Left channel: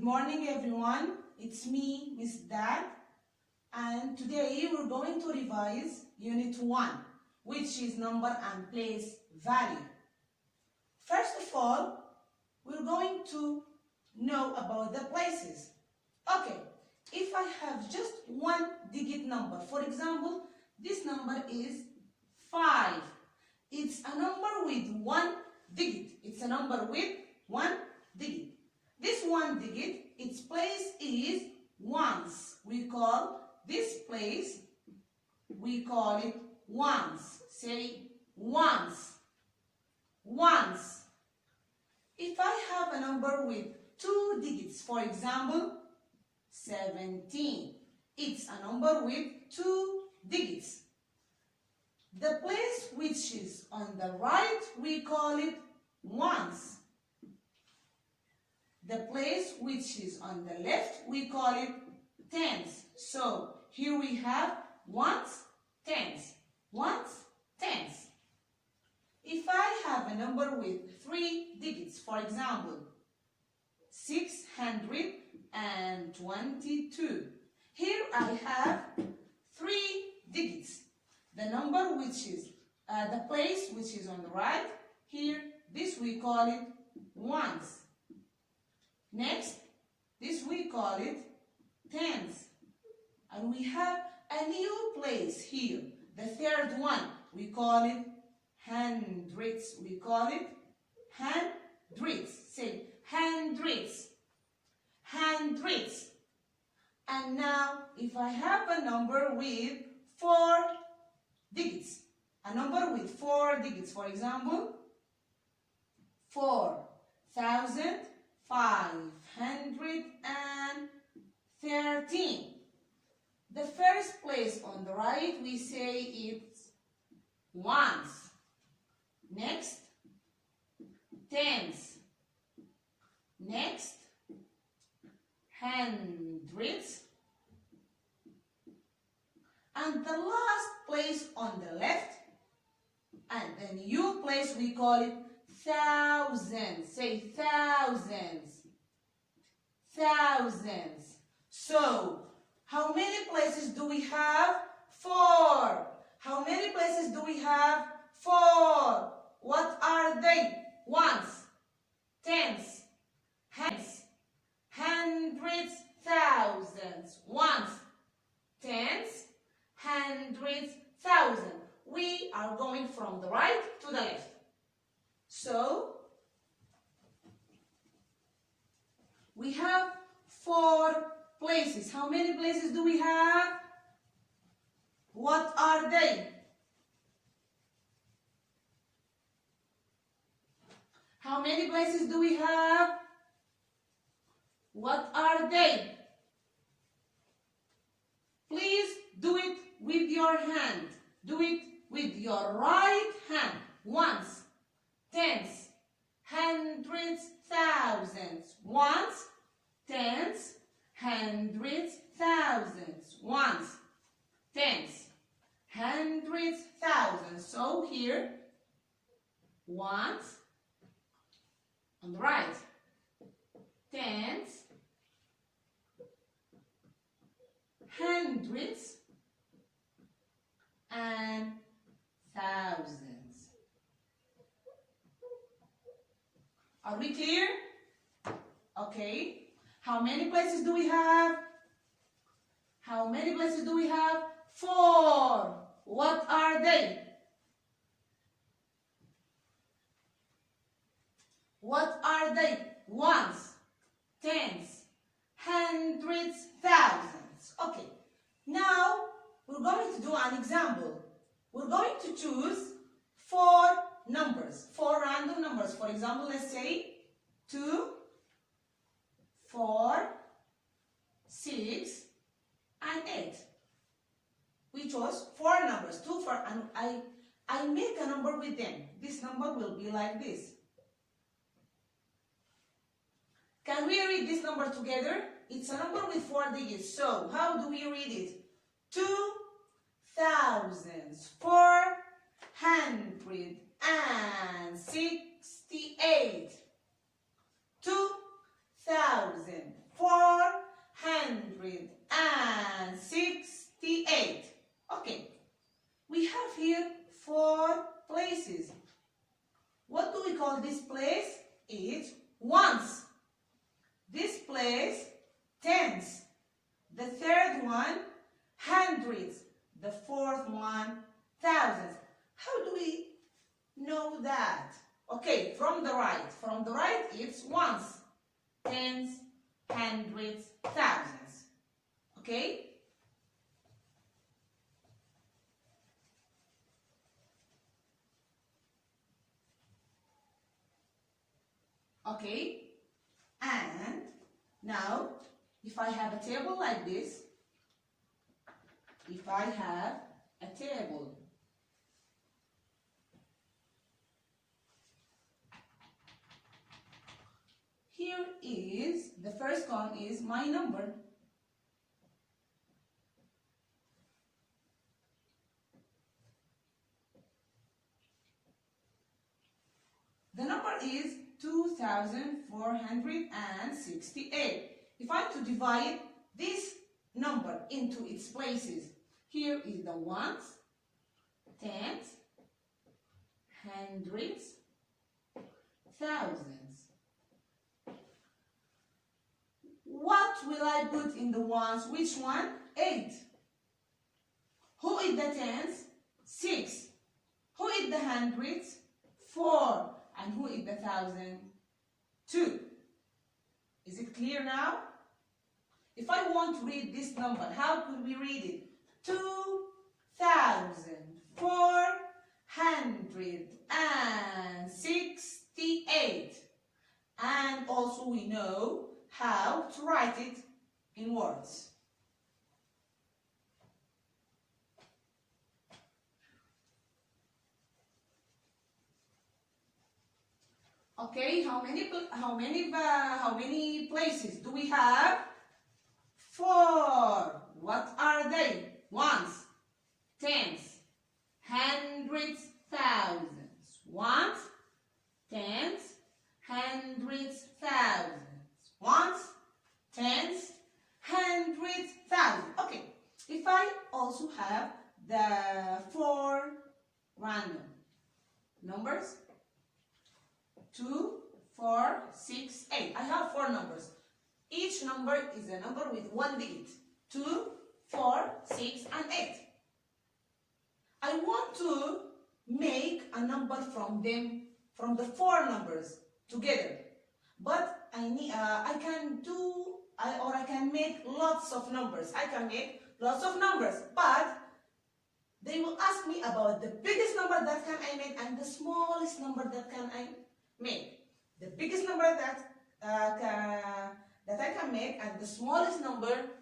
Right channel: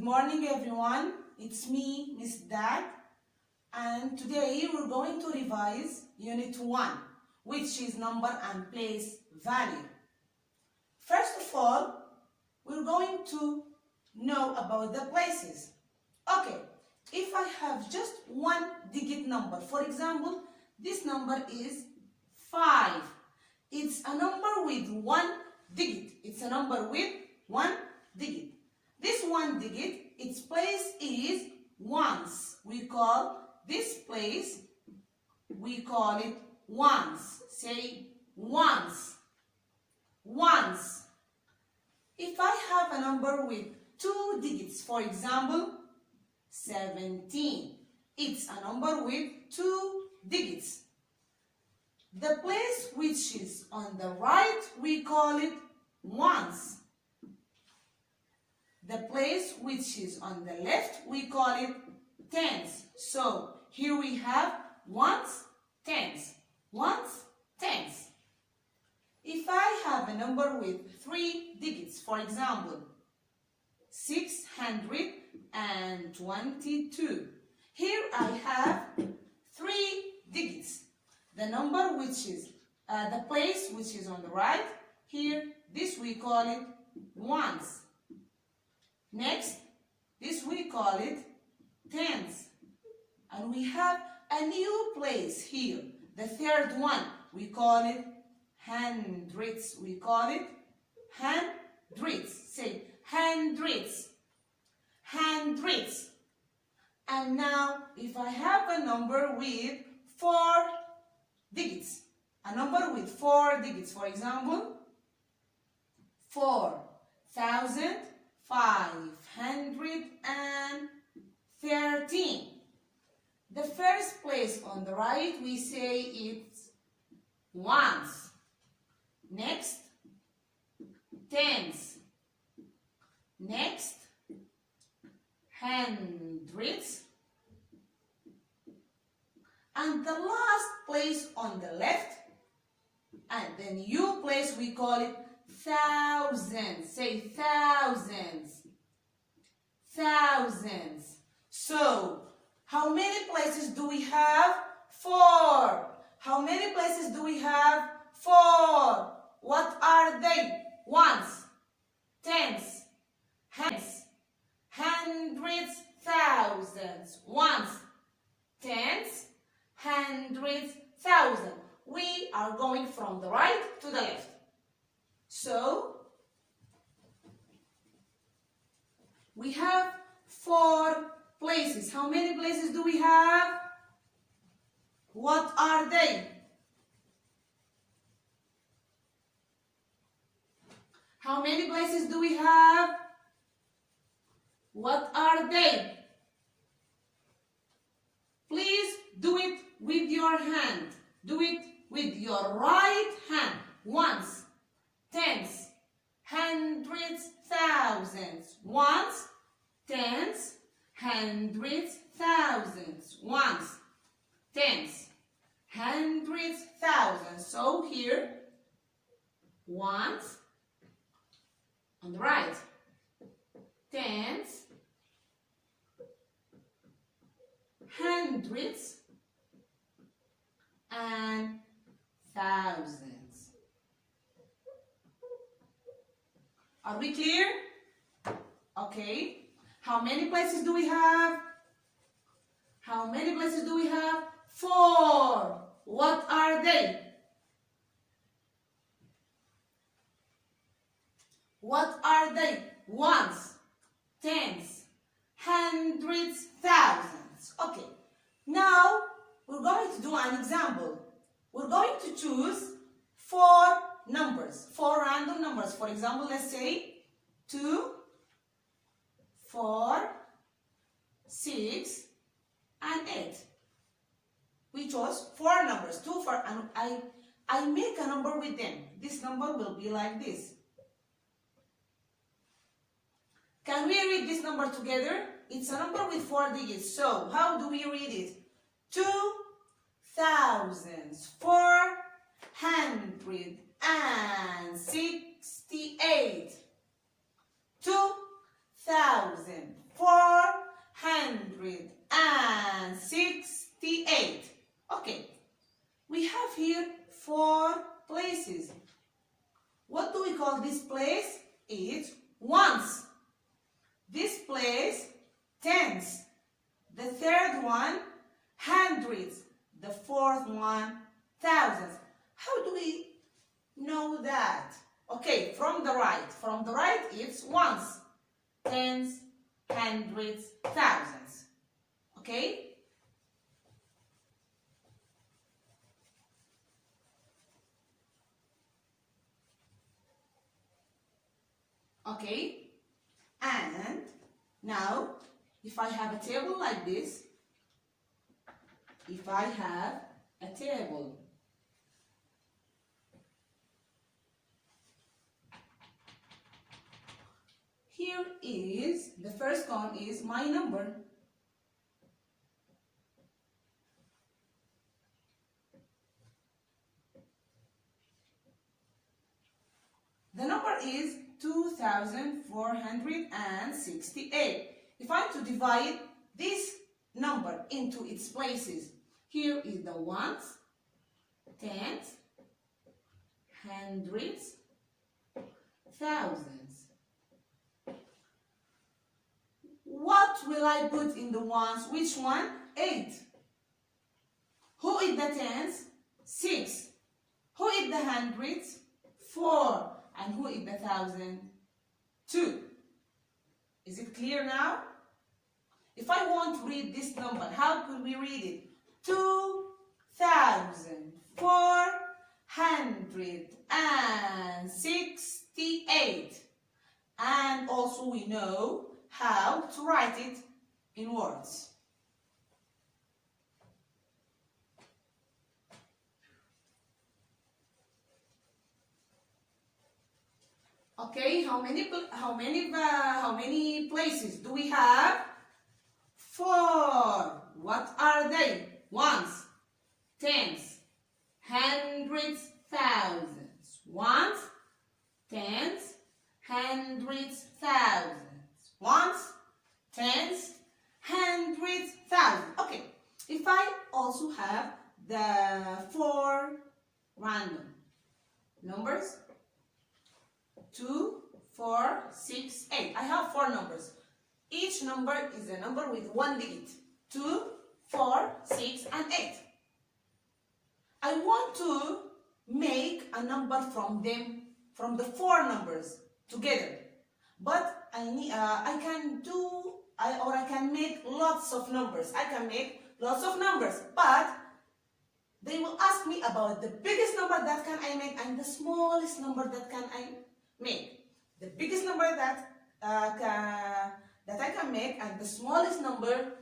Good morning everyone, it's me, Miss Dad, and today we're going to revise Unit 1, which is number and place value. First of all, we're going to know about the places. Okay, if I have just one digit number, for example, this number is 5. It's a number with one digit. It's a number with one digit. This one digit, its place is ones. We call this place, we call it ones. Say ones. Ones. If I have a number with two digits, for example, 17, it's a number with two digits. The place which is on the right, we call it ones. The place which is on the left, we call it tens. So here we have ones, tens. Ones, tens. If I have a number with three digits, for example, 622. Here I have three digits. The number which is, the place which is on the right, here, this we call it ones. Next, this we call it tens. And we have a new place here. The third one, we call it hundreds. We call it hundreds. Say hundreds. Hundreds. And now, if I have a number with four digits, a number with four digits, for example, 4,513. The first place on the right, we say it's ones. Next, tens. Next, hundreds. And the last place on the left, and the new place, we call it thousands. Say thousands. Thousands. So, how many places do we have? 4. How many places do we have? 4. What are they? Ones, tens, hundreds, hundreds, thousands. Ones, tens, hundreds, thousands. We are going from the right to the left. So, we have 4 places. How many places do we have? What are they? How many places do we have? What are they? Please do it with your hand. Do it with your right hand. Ones, tens, hundreds, thousands. Ones, tens, hundreds, thousands. Ones, tens, hundreds, thousands. So here, ones on the right, tens, hundreds, and thousands. Are we clear? Okay. How many places do we have? How many places do we have? 4. What are they? What are they? Ones, tens, hundreds, thousands. Okay. Now, we're going to do an example. We're going to choose 4 numbers, 4 random numbers. For example, let's say 2, 4, 6, and 8. We chose 4 numbers, 2, 4, and I make a number with them. This number will be like this. Can we read this number together? It's a number with 4 digits. So, how do we read it? 2,468. 2,468. places. What do we call this place? It's ones. This place, tens. The third one, hundreds. The fourth one, thousands. How do we know that? Okay, from the right. From the right, it's ones, tens, hundreds, thousands. Okay? Okay? And now, if I have a table like this, if I have a table, here is, the first column is my number. The number is 2,468. If I'm to divide this number into its places, here is the ones, tens, hundreds, thousands. What will I put in the ones? Which one? 8. Who is the tens? 6. Who is the hundreds? 4. And who is the thousand? 2. Is it clear now? If I want to read this number, how could we read it? 2,468. And also we know how to write it in words. Okay, how many places do we have? 4. What are they? Ones, tens, hundreds, thousands. Ones, tens, hundreds, thousands. Ones, tens, hundreds, thousands. Okay, if I also have the 4 random numbers, 2, 4, 6, 8. I have 4 numbers. Each number is a number with 1 digit. 2, 4, 6, and 8. I want to make a number from them, from the 4 numbers together. But I can make lots of numbers. I can make lots of numbers, but they will ask me about the biggest number that can I make and the smallest number that can I make. The biggest number that I can make and the smallest number